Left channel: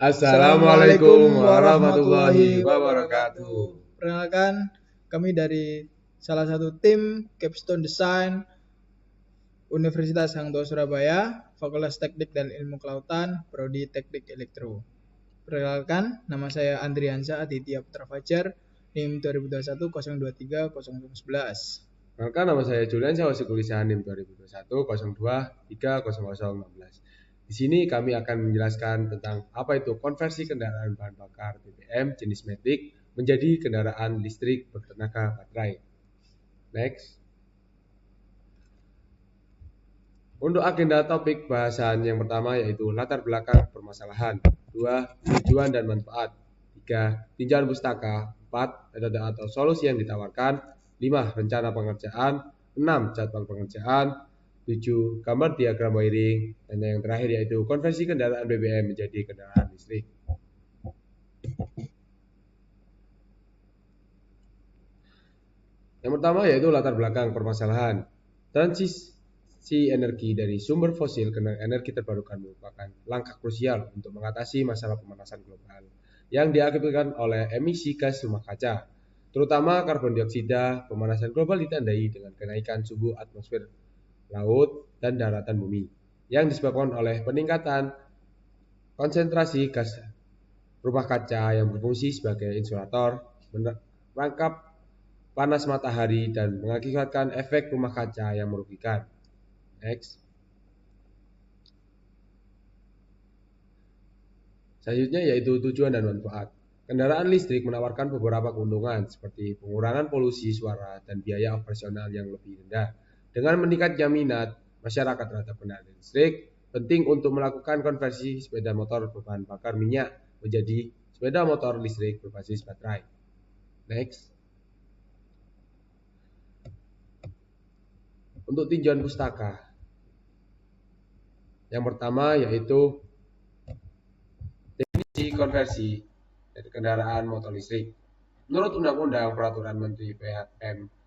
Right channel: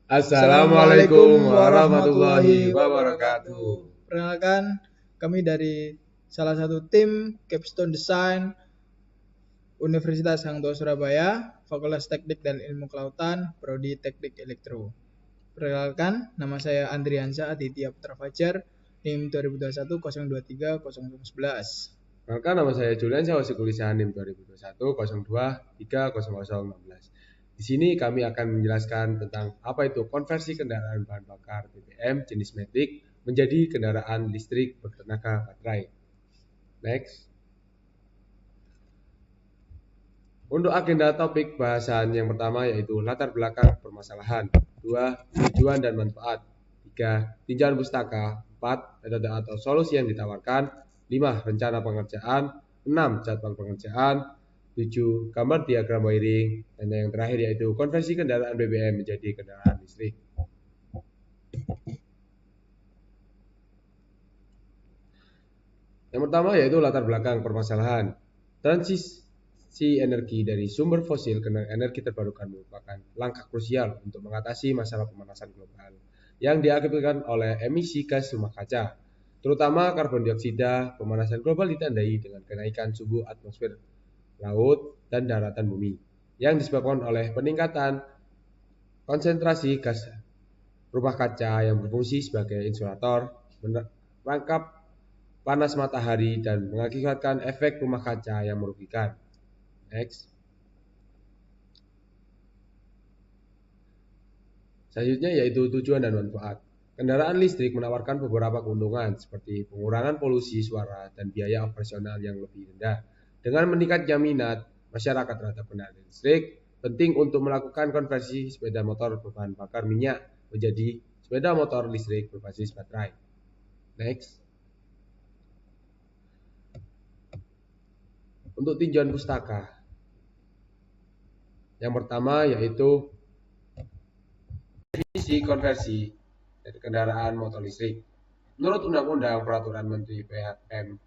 Assalamualaikum warahmatullahi wabarakatuh. Perkenalkan, kami dari salah satu tim Capstone Design Universitas Angkatan Surabaya, Fakultas Teknik dan Ilmu Kelautan, Prodi Teknik Elektro. Perkenalkan, nama saya Andriansa Aditya Putra Fajar, NIM 2021-023-0011. Perkenalkan, nama saya Julian Sawasugisan NIM 2021-302-30014. Di sini kami akan menjelaskan tentang apa itu konversi kendaraan bahan bakar BBM jenis Matic menjadi kendaraan listrik bertenaga baterai. Next. Untuk agenda topik bahasan yang pertama yaitu latar belakang permasalahan, 2. Tujuan dan manfaat, 3. tinjauan pustaka, 4. data atau solusi yang ditawarkan, 5. rencana pengerjaan, 6. catatan pengerjaan, 7. gambar diagram wiring, dan yang terakhir yaitu konversi kendaraan BBM menjadi kendaraan listrik. Yang pertama yaitu latar belakang permasalahan. Transisi energi dari sumber fosil ke energi terbarukan merupakan langkah krusial untuk mengatasi masalah pemanasan global yang diakibatkan oleh emisi gas rumah kaca, terutama karbon dioksida. Pemanasan global ditandai dengan kenaikan suhu atmosfer, laut, dan daratan bumi yang disebabkan oleh peningkatan konsentrasi gas rumah kaca yang berfungsi sebagai isolator, menangkap panas matahari dan mengakibatkan efek rumah kaca yang merugikan. Next. Selanjutnya yaitu tujuan dan manfaat. Kendaraan listrik menawarkan beberapa keuntungan seperti pengurangan polusi suara dan biaya operasional yang lebih rendah. Dengan meningkatnya minat masyarakat terhadap kendaraan listrik, penting untuk melakukan konversi sepeda motor berbahan bakar minyak menjadi sepeda motor listrik berbasis baterai. Next. Untuk tinjauan pustaka, yang pertama yaitu definisi konversi kendaraan motor listrik. Menurut Undang-Undang Peraturan Menteri PHM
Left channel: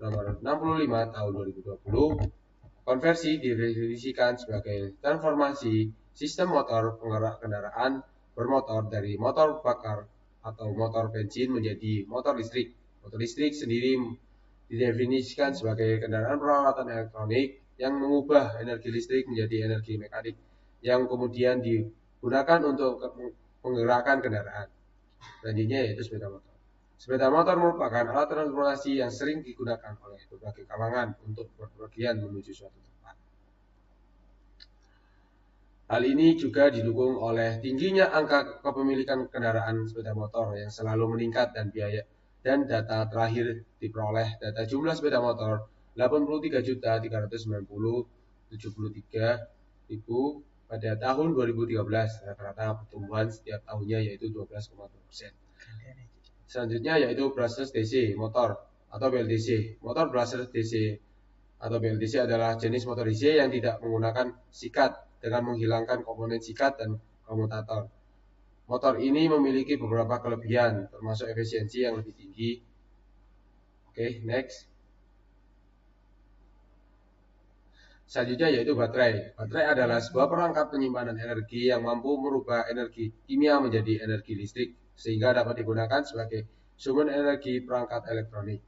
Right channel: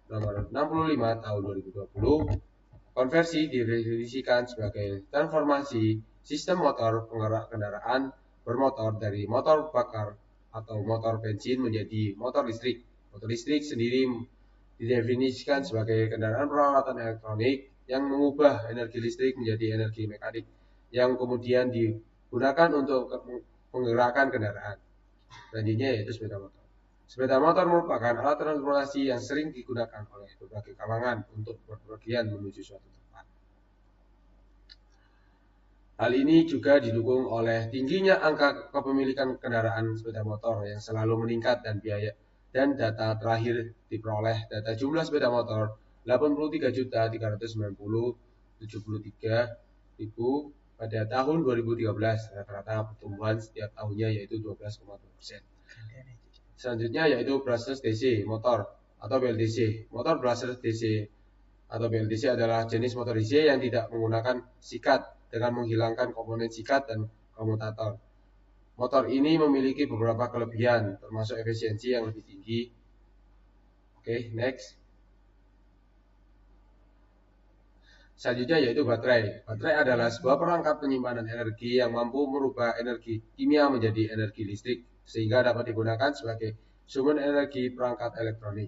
Nomor 65 Tahun 2020, konversi didefinisikan sebagai transformasi sistem motor penggerak kendaraan bermotor dari motor bakar atau motor bensin menjadi motor listrik. Motor listrik sendiri didefinisikan sebagai kendaraan peralatan elektronik yang mengubah energi listrik menjadi energi mekanik yang kemudian digunakan untuk penggerakan kendaraan. Selanjutnya yaitu sepeda motor. Sepeda motor merupakan alat transportasi yang sering digunakan oleh berbagai kalangan untuk berpergian menuju suatu tempat. Hal ini juga didukung oleh tingginya angka kepemilikan kendaraan sepeda motor yang selalu meningkat dan data terakhir diperoleh dari jumlah sepeda motor 83.490.073 pada tahun 2013, rata-rata pertumbuhan setiap tahunnya yaitu 12,4%. Selanjutnya yaitu brushless DC motor atau BBDC. Motor brushless DC atau BBDC adalah jenis motor DC yang tidak menggunakan sikat dengan menghilangkan komponen sikat dan komutator. Motor ini memiliki beberapa kelebihan, termasuk efisiensi yang lebih tinggi. Oke, next. Selanjutnya yaitu baterai. Baterai adalah sebuah perangkat penyimpanan energi yang mampu merubah energi kimia menjadi energi listrik sehingga dapat digunakan sebagai sumber energi perangkat elektronik.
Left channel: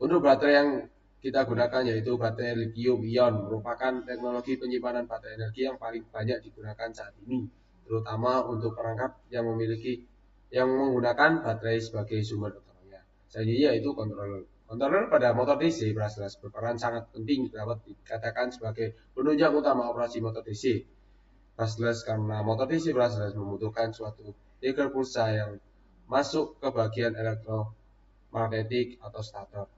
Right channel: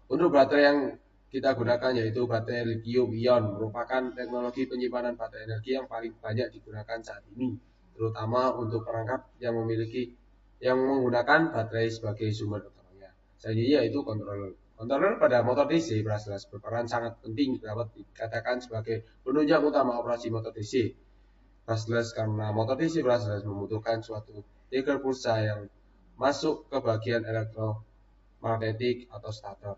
Untuk baterai yang kita gunakan yaitu baterai lithium-ion, merupakan teknologi penyimpanan baterai energi yang paling banyak digunakan saat ini, terutama untuk perangkat yang menggunakan baterai sebagai sumber utamanya. Selanjutnya yaitu kontroler. Kontroler pada motor listrik jelas berperan sangat penting dapat dikatakan sebagai penunjang utama operasi motor listrik. Jelas karena motor listrik jelas membutuhkan suatu trigger pulsa yang masuk ke bagian elektromagnetik atau starter.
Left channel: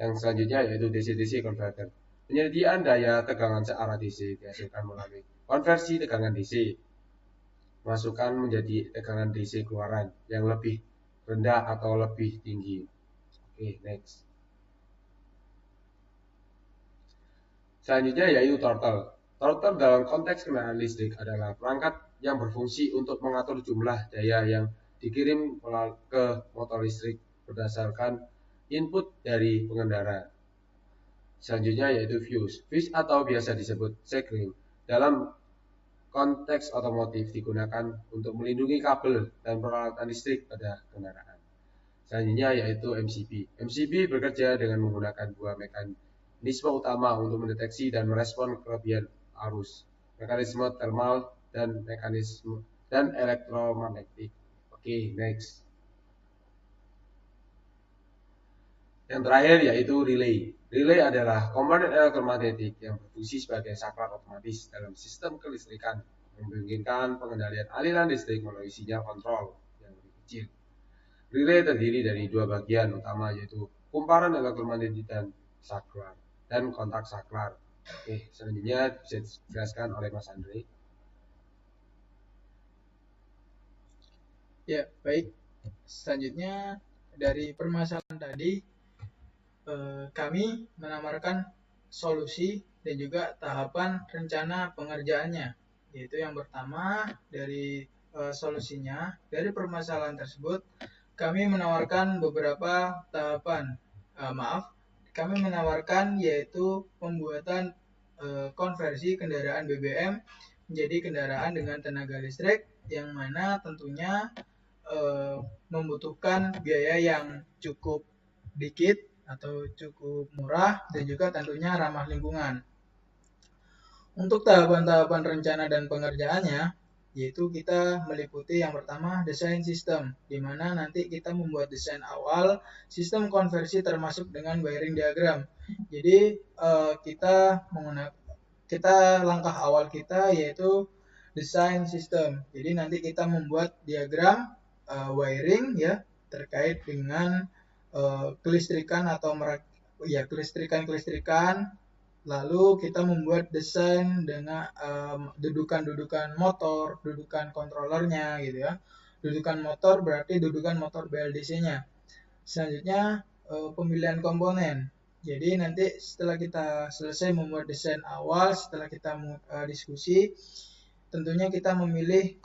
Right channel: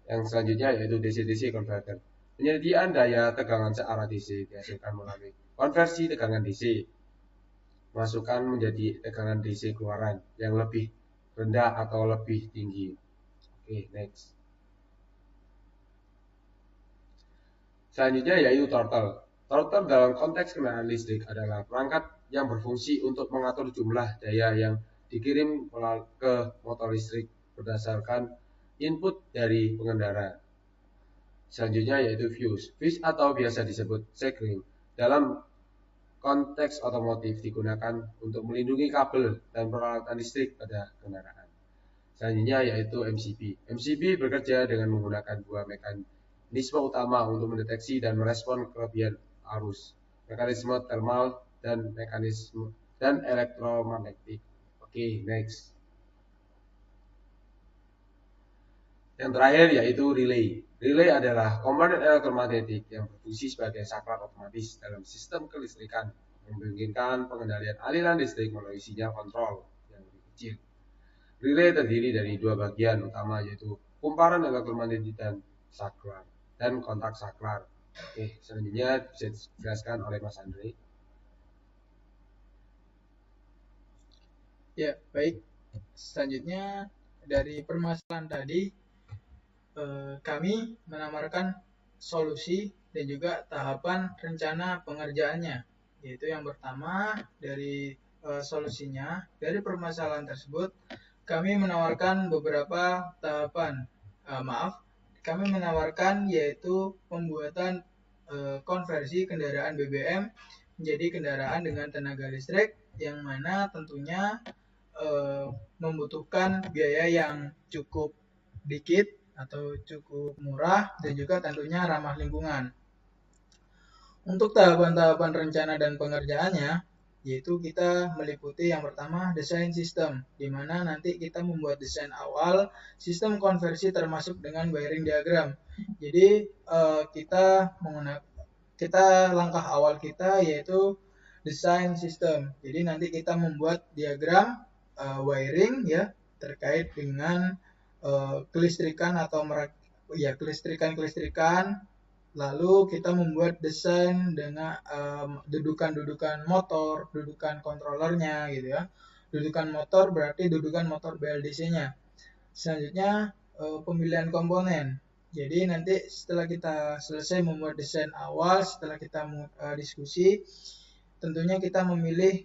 Yang selanjutnya yaitu DC-DC converter. Penyediaan daya tegangan secara DC konversi tegangan DC masukkan menjadi tegangan DC keluaran yang lebih rendah atau lebih tinggi. Oke, next. Selanjutnya yaitu throttle. Throttle dalam konteks kendaraan listrik adalah perangkat yang berfungsi untuk mengatur jumlah daya yang dikirim ke motor listrik berdasarkan input dari pengendara. Selanjutnya yaitu fuse atau biasa disebut sekring. Dalam konteks otomotif digunakan untuk melindungi kabel dan peralatan listrik pada kendaraan. Selanjutnya yaitu MCB. MCB bekerja dengan menggunakan dua mekanisme utama untuk mendeteksi dan merespon kelebihan arus, mekanisme thermal dan mekanisme dan elektromagnetik. Oke, next. Yang terakhir yaitu relay. Relay adalah komponen elektromagnetik yang berfungsi sebagai saklar otomatis dalam sistem kelistrikan, memungkinkan pengendalian aliran listrik melalui sinyal kontrol yang kecil. Relay terdiri dari dua bagian utama yaitu kumparan elektromagnetik dan saklar dan kontak saklar. Oke, selanjutnya bisa dijelaskan oleh Mas Andri. Ya, baik. Selanjutnya dari permasalahan tadi, kami menawarkan solusi dan juga tahapan rencana pengerjaannya. Yaitu yang pertama dari solusinya, dari permasalahan tersebut kami menawarkan beberapa tahapan. Kami menawarkan yaitu pembuatan konversi kendaraan BBM menjadi kendaraan dengan tenaga listrik yang mana tentunya membutuhkan biaya yang cukup dikit atau cukup murah dan juga tentunya ramah lingkungan. Untuk tahapan rencana dan pengerjaannya, yaitu kita meliputi yang pertama desain sistem, di mana nanti kita membuat desain awal sistem konversi termasuk dengan wiring diagram. Jadi kita langkah awal kita yaitu desain sistem. Jadi nanti kita membuat diagram wiring ya terkait dengan kelistrikan atau kelistrikan. Lalu kita membuat desain dengan dudukan motor, dudukan kontrolernya gitu ya. Dudukan motor berarti dudukan motor BLDC-nya. Selanjutnya pemilihan komponen. Jadi nanti setelah kita selesai membuat desain awal, setelah kita diskusi, tentunya kita memilih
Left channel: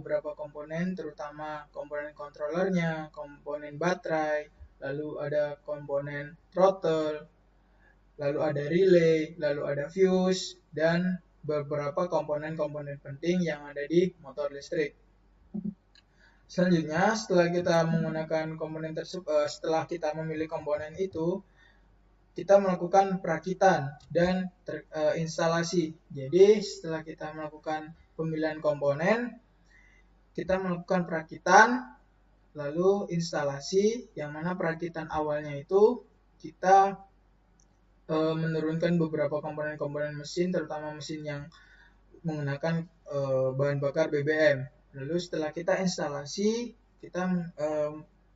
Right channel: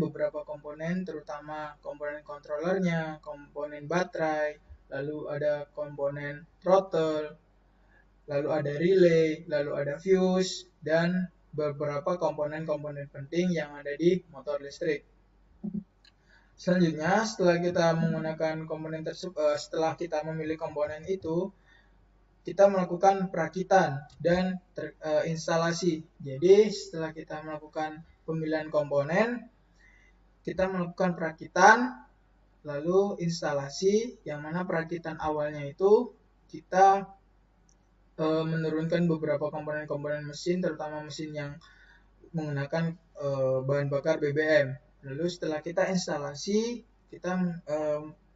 beberapa komponen, terutama komponen kontrolernya, komponen baterai, lalu ada komponen throttle, lalu ada relay, lalu ada fuse, dan beberapa komponen penting yang ada di motor listrik. Selanjutnya, setelah kita menggunakan komponen tersebut, setelah kita memilih komponen itu, kita melakukan perakitan dan instalasi. Jadi, setelah kita melakukan pemilihan komponen, kita melakukan perakitan, lalu instalasi, yang mana perakitan awalnya itu kita menurunkan beberapa komponen mesin, terutama mesin yang menggunakan bahan bakar BBM. Lalu setelah kita instalasi, kita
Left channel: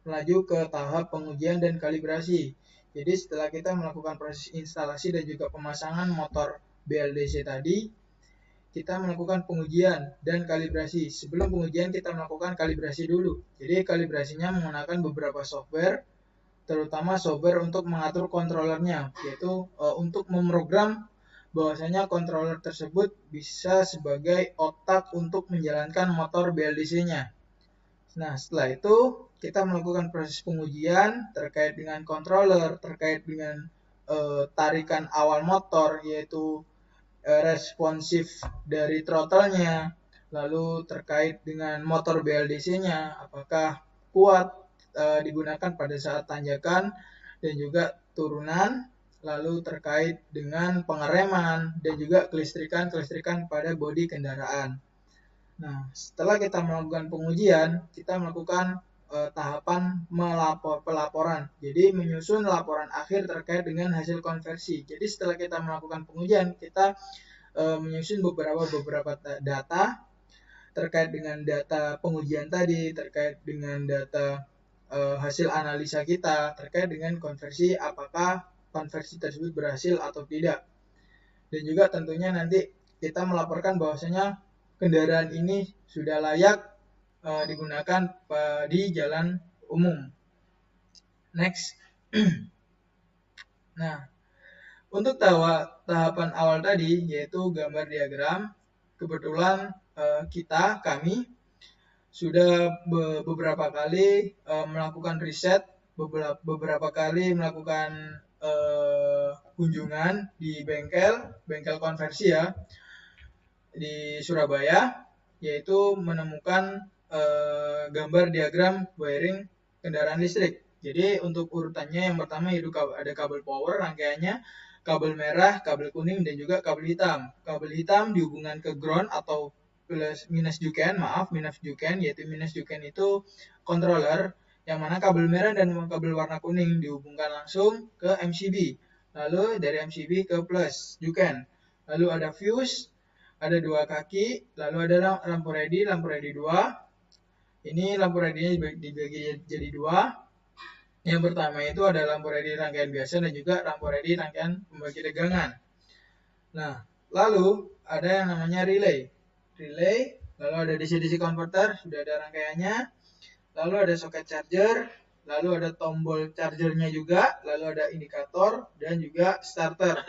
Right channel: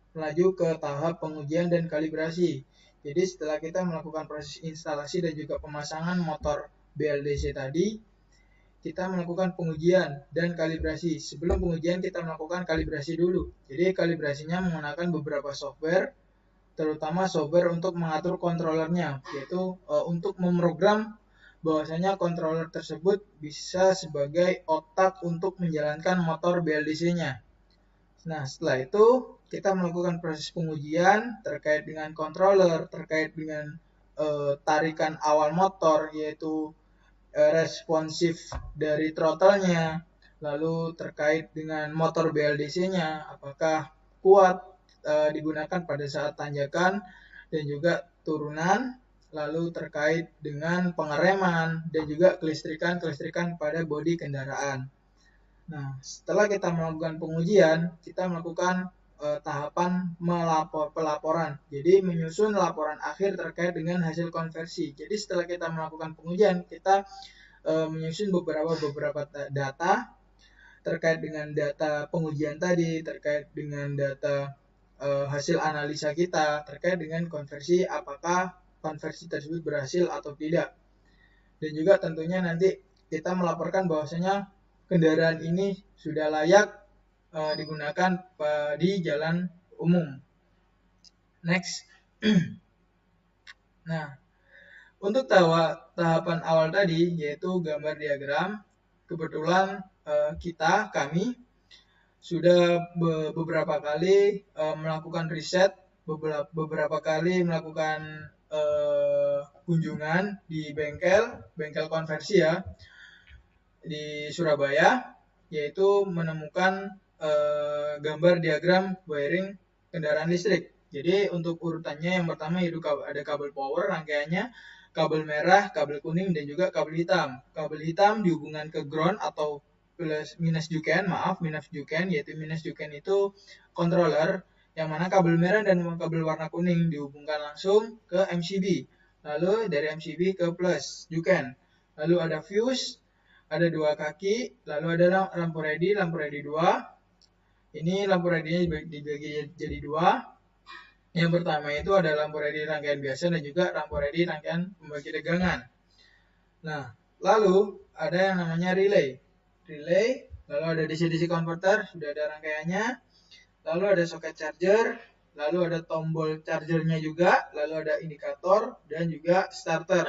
melaju ke tahap pengujian dan kalibrasi. Jadi setelah kita melakukan proses instalasi dan juga pemasangan motor BLDC tadi, kita melakukan pengujian dan kalibrasi. Sebelum pengujian kita melakukan kalibrasi dulu. Jadi kalibrasinya menggunakan beberapa software, terutama software untuk mengatur kontrolernya, yaitu untuk memprogram bahwasanya kontroler tersebut bisa sebagai otak untuk menjalankan motor BLDC-nya. Nah, setelah itu kita melakukan proses pengujian terkait dengan controller, terkait dengan tarikan awal motor, yaitu responsif dari throttle-nya, lalu terkait dengan motor BLDC-nya, apakah kuat digunakan pada saat tanjakan dan juga turunan, lalu terkait dengan pengereman dan juga kelistrikan pada bodi kendaraan. Nah, setelah kita melakukan pengujian, kita melakukan tahapan pelaporan. Jadi menyusun laporan akhir terkait dengan hasil konversi. Jadi setelah kita melakukan pengujian, kita menyusun beberapa data terkait dengan data pengujian tadi, terkait dengan data hasil analisa kita terkait dengan konversi, apakah konversi tersebut berhasil atau tidak. Dan juga tentunya nanti kita melaporkan bahwasanya kendaraan ini sudah layak digunakan di jalan umum. Next. Nah, untuk tahapan awal tadi yaitu gambar diagram, kebetulan kami sudah beberapa kali melakukan riset, beberapa kali melakukan kunjungan di bengkel konversi ya. di Surabaya, yaitu menemukan gambar diagram wiring kendaraan listrik. Jadi untuk urutannya yang pertama itu ada kabel power rangkaiannya, kabel merah, kabel kuning, dan juga kabel hitam. Kabel hitam dihubungkan ke ground atau plus minus UKN, yaitu minus UKN itu controller, yang mana kabel merah dan kabel warna kuning dihubungkan langsung ke MCD. Lalu dari MCD ke plus UKN. Lalu ada fuse, ada 2 kaki, lalu ada lampu ready 2. Ini lampu ready juga dibagi jadi 2. Yang pertama itu adalah lampu ready rangkaian biasa dan juga lampu ready rangkaian membagi tegangan. Nah, lalu ada yang namanya relay, lalu ada DC converter, sudah ada rangkaiannya, lalu ada supply charger, lalu ada tombol chargernya juga, lalu ada indikator dan juga starter.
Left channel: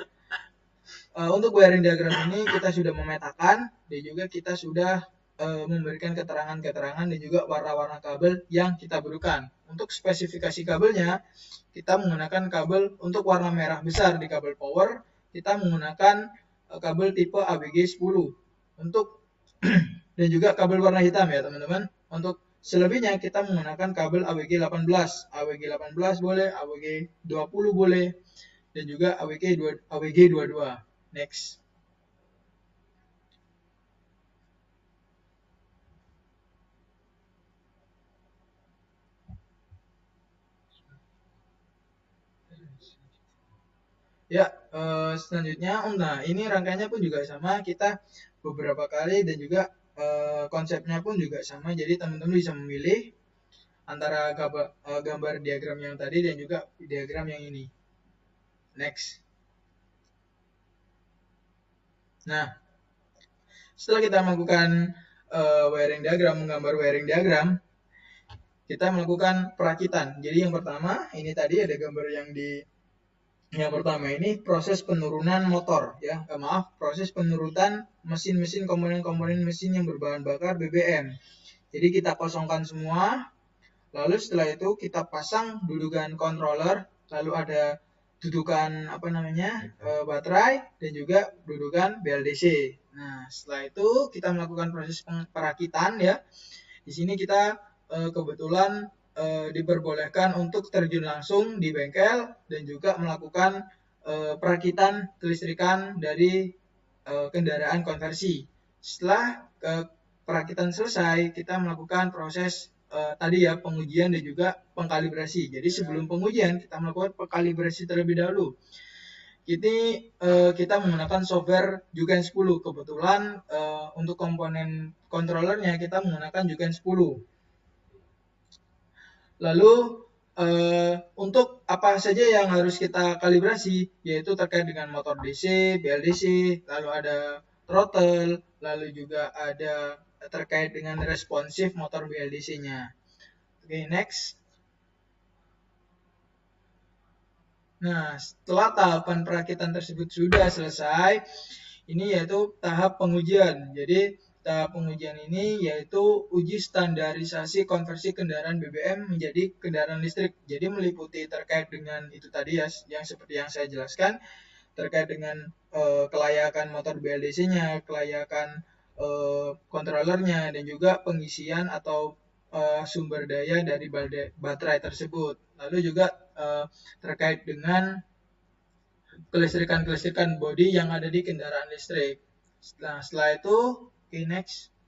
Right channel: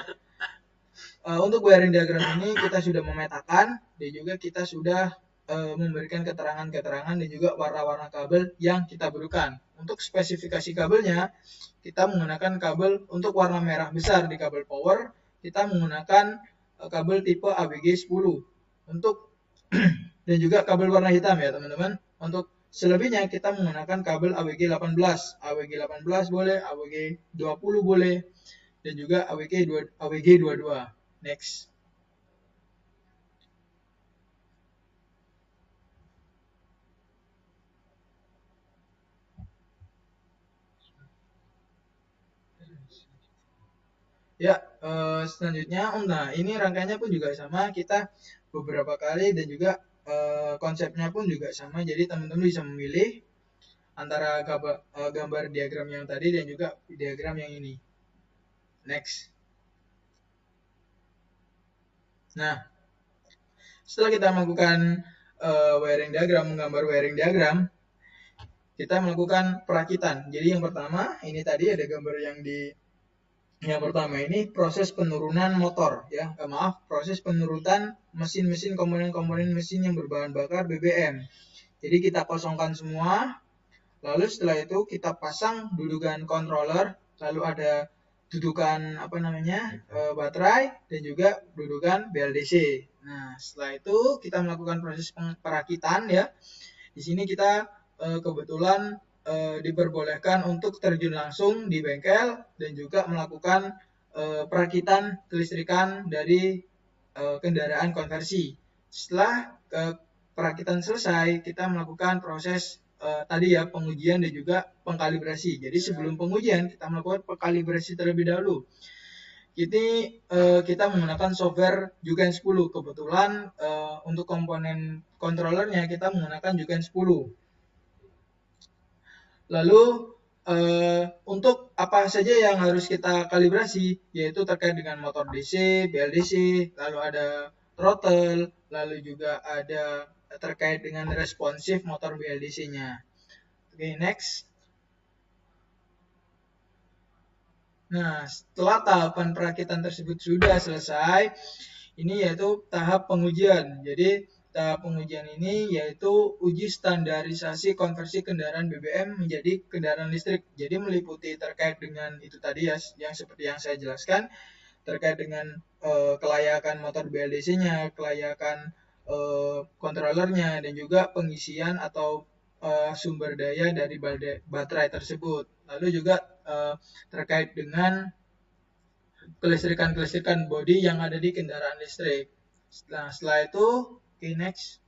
Untuk wiring diagram ini kita sudah memetakan dan juga kita sudah memberikan keterangan dan juga warna-warna kabel yang kita butuhkan. Untuk spesifikasi kabelnya, kita menggunakan kabel untuk warna merah besar di kabel power, kita menggunakan kabel tipe ABG 10 untuk dan juga kabel warna hitam ya teman-teman. Untuk selebihnya kita menggunakan kabel ABG 18, ABG 18 boleh, ABG 20 boleh, dan juga ABG 22. Next. Ya, selanjutnya, nah ini rangkaiannya pun juga sama, kita beberapa kali dan juga konsepnya pun juga sama, jadi teman-teman bisa memilih antara gambar diagram yang tadi dan juga diagram yang ini. Next. Nah, setelah kita melakukan wiring diagram, gambar wiring diagram, kita melakukan perakitan. Jadi yang pertama, ini tadi ada gambar yang pertama ini proses penurunan motor, ya, proses penurunan mesin-mesin komponen mesin yang berbahan bakar BBM. Jadi kita kosongkan semua, lalu setelah itu kita pasang dudukan controller, lalu ada dudukan baterai dan juga dudukan BLDC. Nah, setelah itu kita melakukan proses perakitan ya. Di sini kita kebetulan diperbolehkan untuk terjun langsung di bengkel dan juga melakukan perakitan kelistrikan dari kendaraan konversi. Setelah perakitan selesai, kita melakukan proses tadi ya pengujian dan juga pengkalibrasi. Jadi sebelum pengujian kita melakukan pengkalibrasi terlebih dahulu. Jadi kita menggunakan software Jugen 10. Kebetulan untuk komponen kontrolernya kita menggunakan Jugen 10. Lalu untuk apa saja yang harus kita kalibrasi, yaitu terkait dengan motor DC, BLDC, lalu ada throttle, lalu juga ada terkait dengan responsif motor BLDC-nya. Oke, next. Nah, setelah tahapan perakitan tersebut sudah selesai, ini yaitu tahap pengujian. Jadi tahap pengujian ini yaitu uji standarisasi konversi kendaraan BBM menjadi kendaraan listrik. Jadi meliputi terkait dengan itu tadi ya, yang seperti yang saya jelaskan, terkait dengan kelayakan motor BLDC-nya, kelayakan kontrolernya, dan juga pengisian atau sumber daya dari baterai tersebut. Lalu juga terkait dengan kelistrikan bodi yang ada di kendaraan listrik. Nah, setelah itu, next.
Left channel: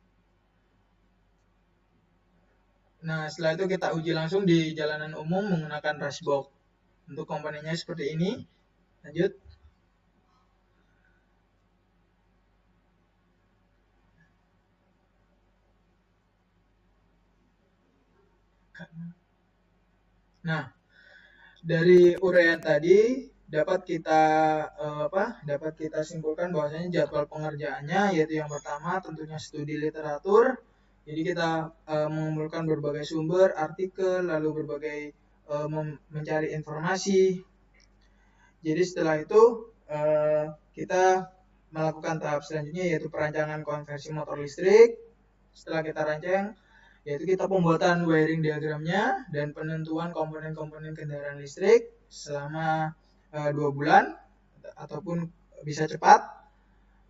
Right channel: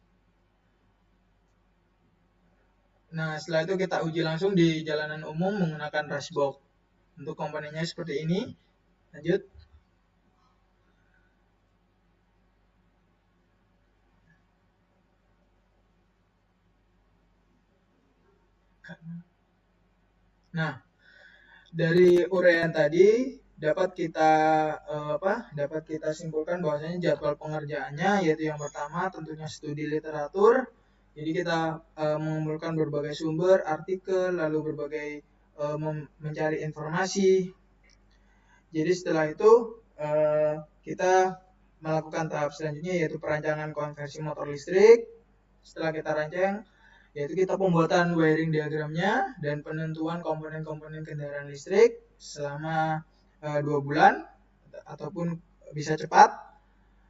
Nah, setelah itu kita uji langsung di jalanan umum menggunakan dashboard. Untuk komponennya seperti ini. Lanjut. Nah, dari uraian tadi dapat kita simpulkan bahwasanya jadwal pengerjaannya yaitu yang pertama tentunya studi literatur. Jadi kita mengumpulkan berbagai sumber, artikel, lalu berbagai mencari informasi. Jadi setelah itu kita melakukan tahap selanjutnya yaitu perancangan konversi motor listrik. Setelah kita rancang, yaitu kita pembuatan wiring diagramnya dan penentuan komponen-komponen kendaraan listrik selama 2 bulan ataupun bisa cepat.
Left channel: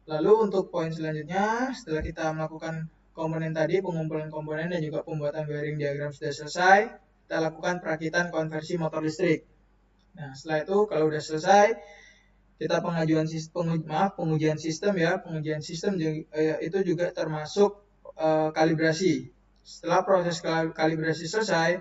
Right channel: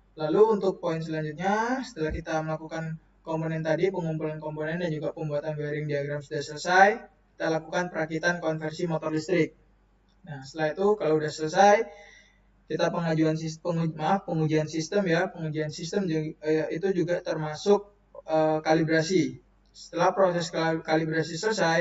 Lalu untuk poin selanjutnya, setelah kita melakukan komponen tadi, mengumpulkan komponennya dan juga membuat tabel diagram sudah selesai, kita lakukan perakitan dan konversi motor listrik. Nah, setelah itu kalau sudah selesai, kita mengajukan sistem pengujian sistem ya, pengujian sistem itu juga termasuk kalibrasi. Setelah proses kalibrasi selesai,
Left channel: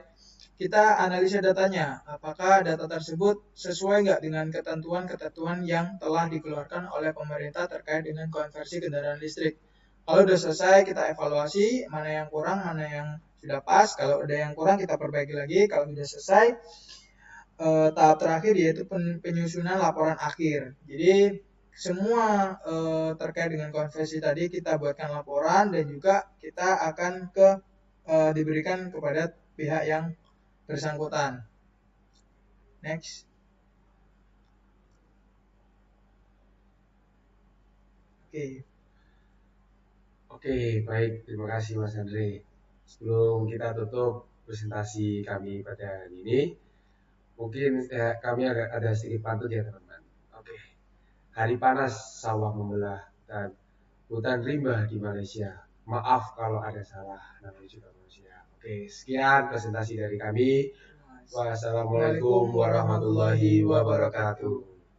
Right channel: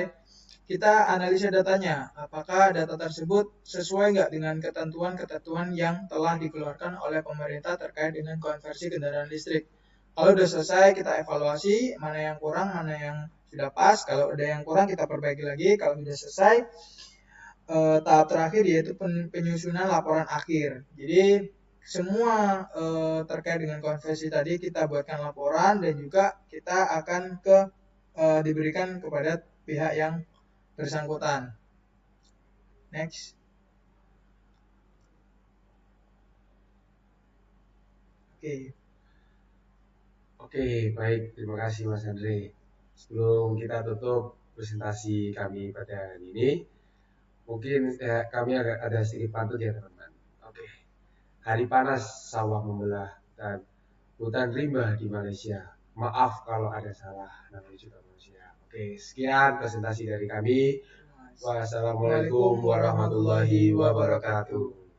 kita analisis datanya, apakah data tersebut sesuai dengan ketentuan yang telah dikeluarkan oleh pemerintah terkait dengan konversi kendaraan listrik. Kalau sudah selesai, kita evaluasi mana yang kurang, mana yang sudah pas. Kalau ada yang kurang, kita perbaiki lagi. Kalau sudah selesai, tahap terakhir yaitu penyusunan laporan akhir. Jadi semua terkait dengan konversi tadi kita buatkan laporan dan juga kita akan diberikan kepada pihak yang bersangkutan. Next. Oke, baik. Terima kasih Mas Andri. Sebelum kita tutup presentasi kami pada hari ini, mungkin kami ada sedikit pantun ya teman-teman. Oke. Hari panas sawah mula dan hutan riba di Malaysia. Maaf kalau ada salah dalam ucapan manusia. Oke, sekian presentasi dari kami. Wassalamualaikum warahmatullahi wabarakatuh.